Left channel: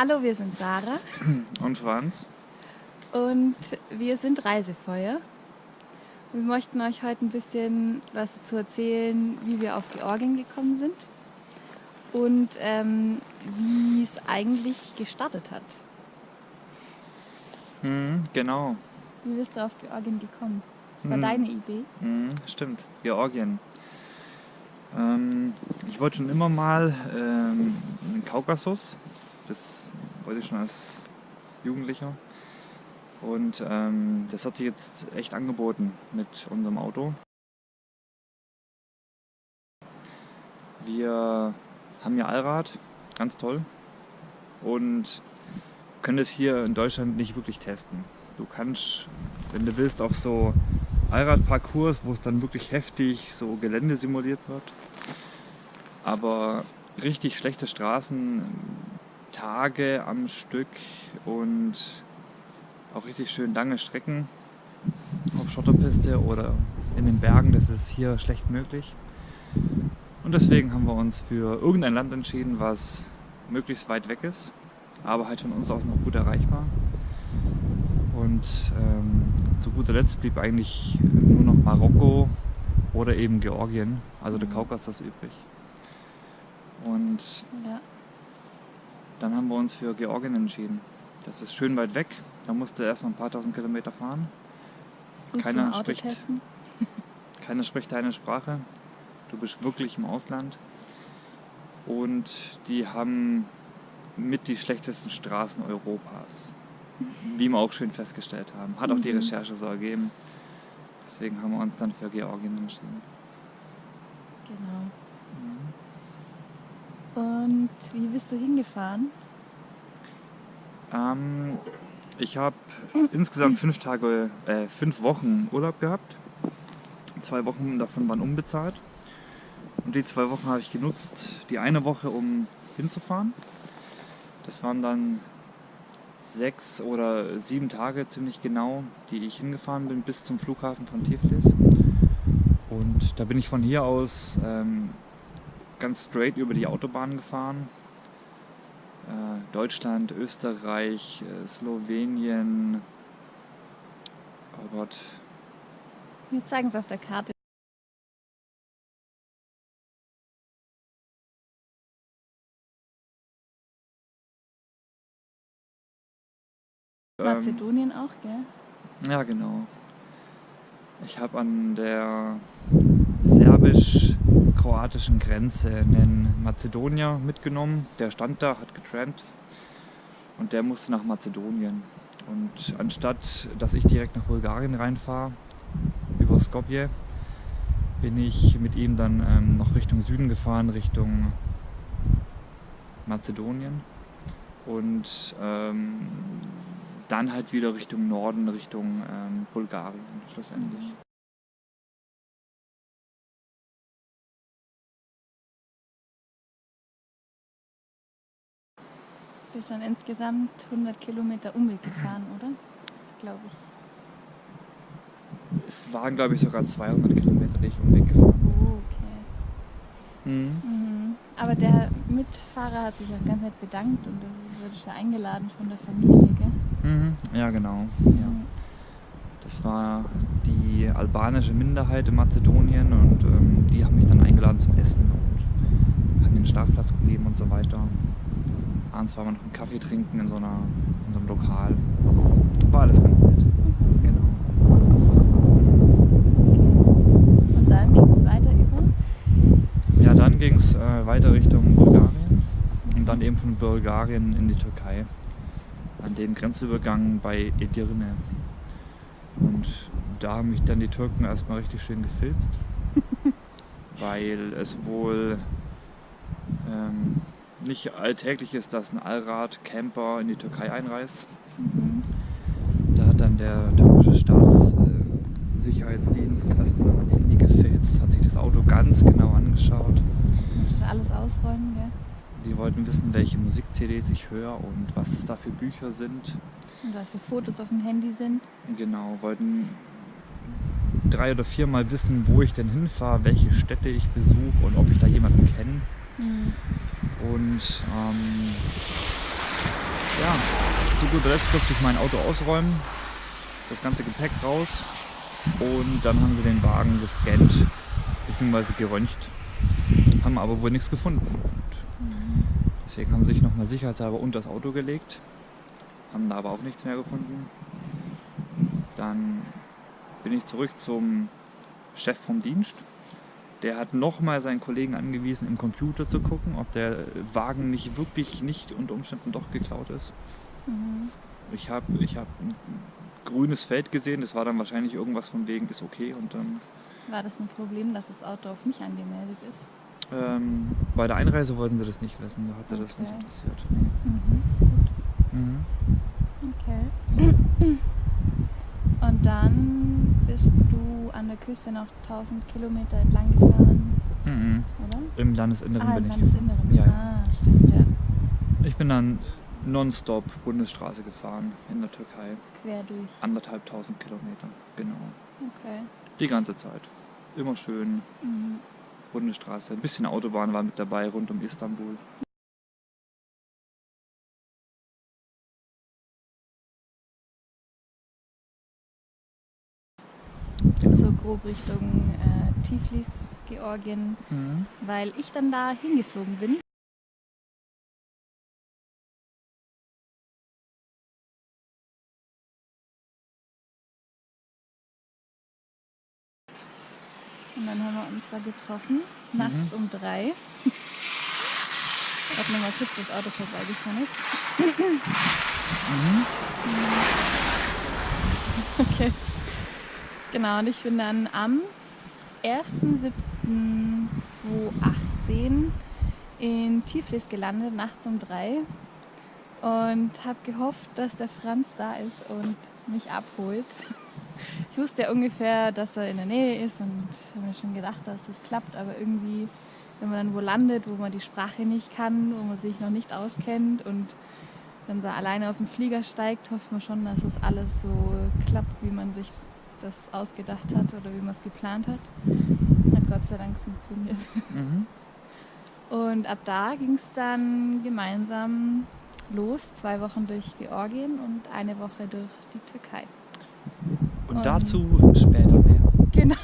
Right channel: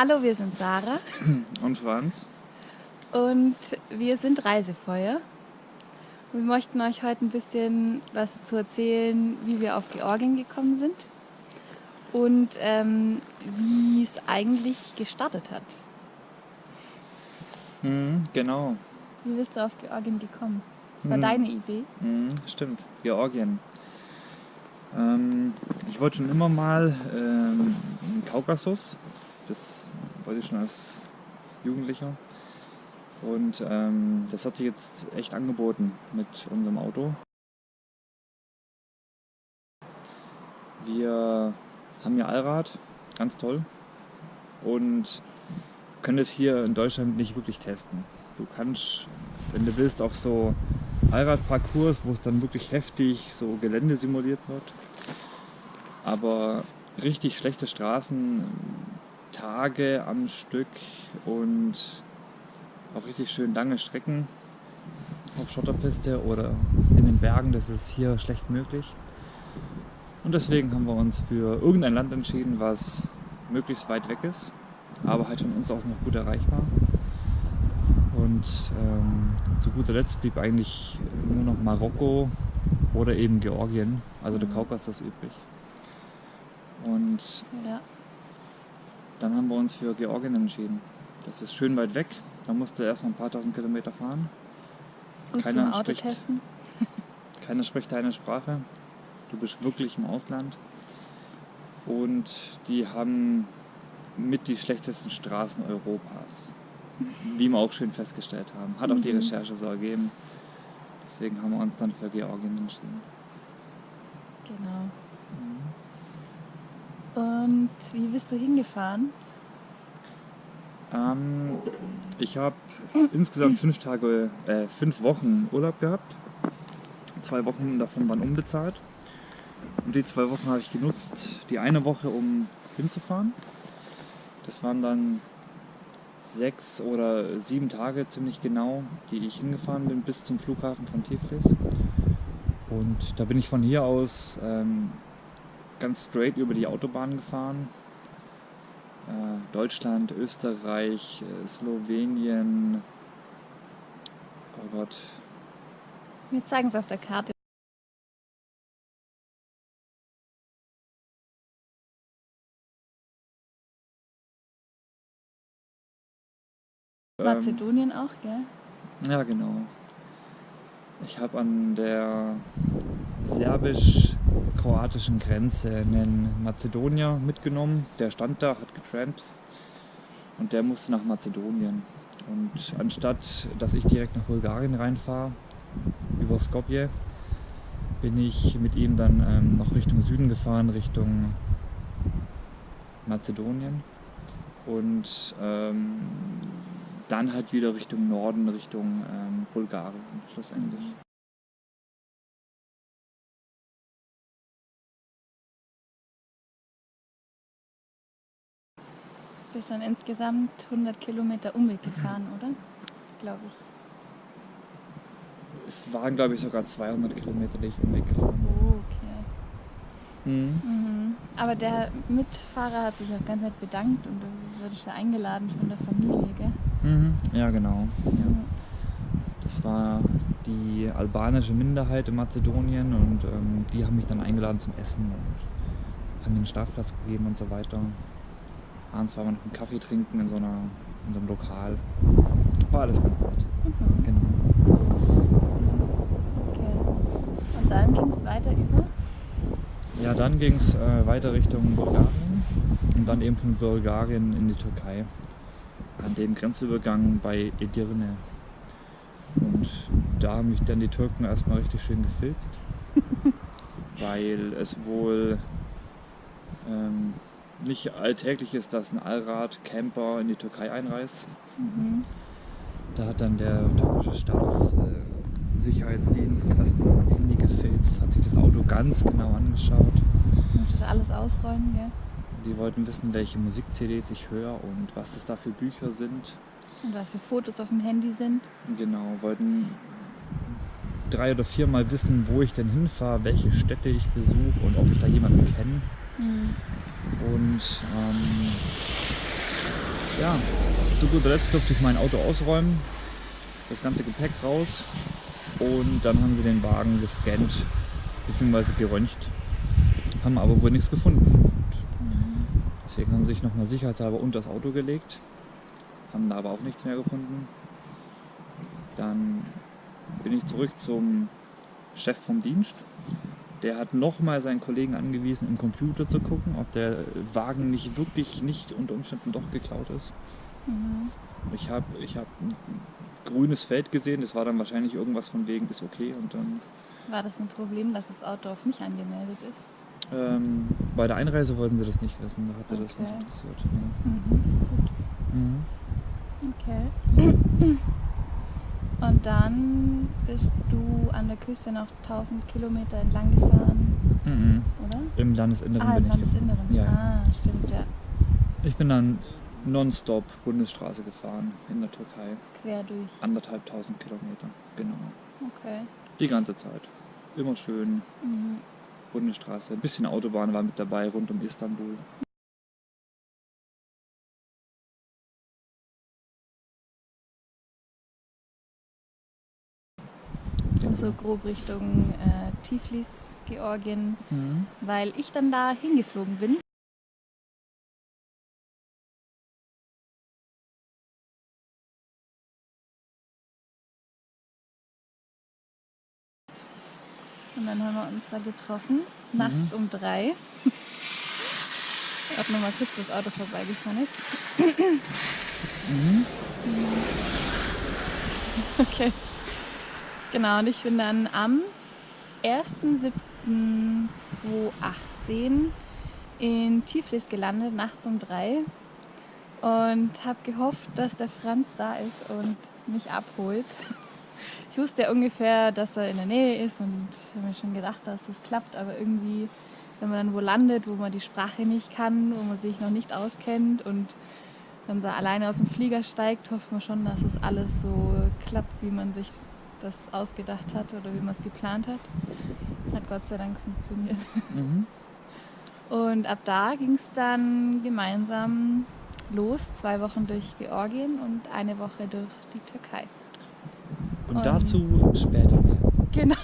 Hallo, wir sind Sarah Und Franz. und wir sind Reisefeuer. Und wir möchten euch heute ein bisschen was dazu erzählen, wie wir auf Georgien gekommen sind und wie es eigentlich gestartet hat. Genau. Wie bist du auf Georgien gekommen? Das war deine Idee? Stimmt, Georgien. Ich wollte schon immer mal in den Kaukasus. Das wollte ich schon als Jugendlicher. Und das hat sich jetzt echt angeboten mit unserem Auto. Wir haben ja Allrad, ganz toll. Und können es hier in Deutschland nicht wirklich testen. Du kannst, wenn du willst, auf so Allradparcours, wo es dann wirklich heftig so Gelände simuliert wird. Aber richtig schlechte Straßen, Tage am Stück und auch richtig schön lange Strecken auf Schotterpiste oder in den Bergen, das ist hier schlecht möglich. Und deswegen haben wir uns für irgendein Land entschieden, was möglichst weit weg ist, aber halt von uns aus noch gut erreichbar. Und zu guter Letzt blieb eigentlich nur noch Marokko oder eben Georgien, also der Kaukasus übrig. Und Ja. dann haben wir uns für Georgien entschieden. Das ist schön weit weg, da musst du erstmal ein paar tausend Kilometer fahren. Gut zum Autotesten. Keiner spricht deine Sprache, du bist wirklich im Ausland. Und die haben mit die schlechtesten Straßen Europas, wie wir auch schön festgestellt haben. Hat auch die Recherche so ergeben. Deswegen haben wir uns dann für Georgien entschieden. Genau. Und wie bist du hingefahren? Ich habe insgesamt 5 Wochen Urlaub gehabt. 2 Wochen davon waren unbezahlt. Und die 2 Wochen habe ich genutzt, die eine Woche, um hinzufahren. Das waren dann 6 oder 7 Tage ziemlich genau, die ich hingefahren bin bis zum Flughafen von Tiflis. Und da bin ich von hier aus ganz straight über die Autobahn gefahren. Deutschland, Österreich, Slowenien. Oh Gott. Wir zeigen es auf der Karte. Mazedonien auch, gell? Ja, genau. Ich habe an der serbisch-kroatischen Grenze einen Mazedonier mitgenommen. Der stand da, hat getrampt und der musste nach Mazedonien. Und anstatt, dass ich direkt nach Bulgarien reinfahre, über Skopje, bin ich mit ihm dann noch Richtung Süden gefahren, Richtung Mazedonien. Und dann halt wieder Richtung Norden, Richtung Bulgarien schlussendlich. Du bist dann insgesamt 100 Kilometer Umweg gefahren, oder? Glaube ich. Es waren, glaube ich, sogar 200 Kilometer, die ich Umweg gefahren bin. Oh, okay. Aber der Mitfahrer hat sich auch ganz nett bedankt und du wurdest ja eingeladen von der Familie, gell? Ja, genau. Ja. Das war die albanische Minderheit in Mazedonien und die haben mich dann eingeladen zum Essen und haben mir einen Schlafplatz gegeben und so weiter. Abends waren wir noch einen Kaffee trinken in so einem Lokal. War alles ganz nett. Genau. Okay. Und dann ging es weiter über? Ja, dann ging es weiter Richtung Bulgarien und dann eben von Bulgarien in die Türkei. An dem Grenzübergang bei Edirne. Und da haben mich dann die Türken erstmal richtig schön gefilzt, weil es wohl nicht alltäglich ist, dass ein Allrad-Camper in die Türkei einreist. Da hat dann der türkische Staatssicherheitsdienst erstmal mein Handy gefilzt, hat sich das Auto ganz genau angeschaut. Musstest alles ausräumen, gell? Die wollten wissen, welche Musik-CDs ich höre und was es da für Bücher sind. Und was für Fotos auf dem Handy sind. Genau, wollten 3 oder 4 Mal wissen, wo ich denn hinfahre, welche Städte ich besuche und ob ich da jemanden kenne. Und ja, zu guter Letzt durfte ich mein Auto ausräumen, das ganze Gepäck raus und dann haben sie den Wagen gescannt bzw. geröntgt, haben aber wohl nichts gefunden. Und deswegen haben sie sich nochmal sicherheitshalber unter das Auto gelegt, haben da aber auch nichts mehr gefunden. Dann bin ich zurück zum Chef vom Dienst. Der hat nochmal seinen Kollegen angewiesen, im Computer zu gucken, ob der Wagen nicht unter Umständen doch geklaut ist. Mhm. Ich hab ein grünes Feld gesehen, das war dann wahrscheinlich irgendwas von wegen, ist okay. Und dann War das ein Problem, dass das Auto auf mich angemeldet ist? bei der Einreise wollten sie das nicht wissen, da hatte das nicht Okay. interessiert. Nee. Mhm. Mhm. Okay. Und dann bist du an der Küste noch 1000 Kilometer entlang gefahren, Mhm. oder? Im Landesinneren Im bin ich gefahren. Landesinneren. Ja, ja. Ah, stimmt, ja. Ich bin dann nonstop Bundesstraße gefahren in der Türkei. Quer durch. 1500 Kilometer, genau. Okay. Die ganze Zeit. Immer schön Mhm. Bundesstraße. Ein bisschen Autobahn war mit dabei rund um Istanbul. Und so grob Richtung Tiflis, Georgien, Mhm. weil ich dann da hingeflogen bin. Und dann haben wir uns da getroffen, nachts um 3. Ob noch mal kurz das Auto vorbeigefahren ist. Mhm. Okay. Genau, und ich bin dann am 1.7.2018 in Tiflis gelandet, nachts um 3. Und habe gehofft, dass der Franz da ist und mich abholt. Ich wusste ja ungefähr, dass er in der Nähe ist und habe mir schon gedacht, dass das klappt. Aber irgendwie, wenn man dann wo landet, wo man die Sprache nicht kann, wo man sich noch nicht auskennt und dann so alleine aus dem Flieger steigt, hofft man schon, dass es alles so klappt, wie man sich das ausgedacht hat oder wie man es geplant hat. Hat Gott sei Dank funktioniert. Mhm. Und ab da ging es dann gemeinsam los, 2 Wochen durch Georgien und eine Woche durch die Türkei. Und dazu später mehr. Genau.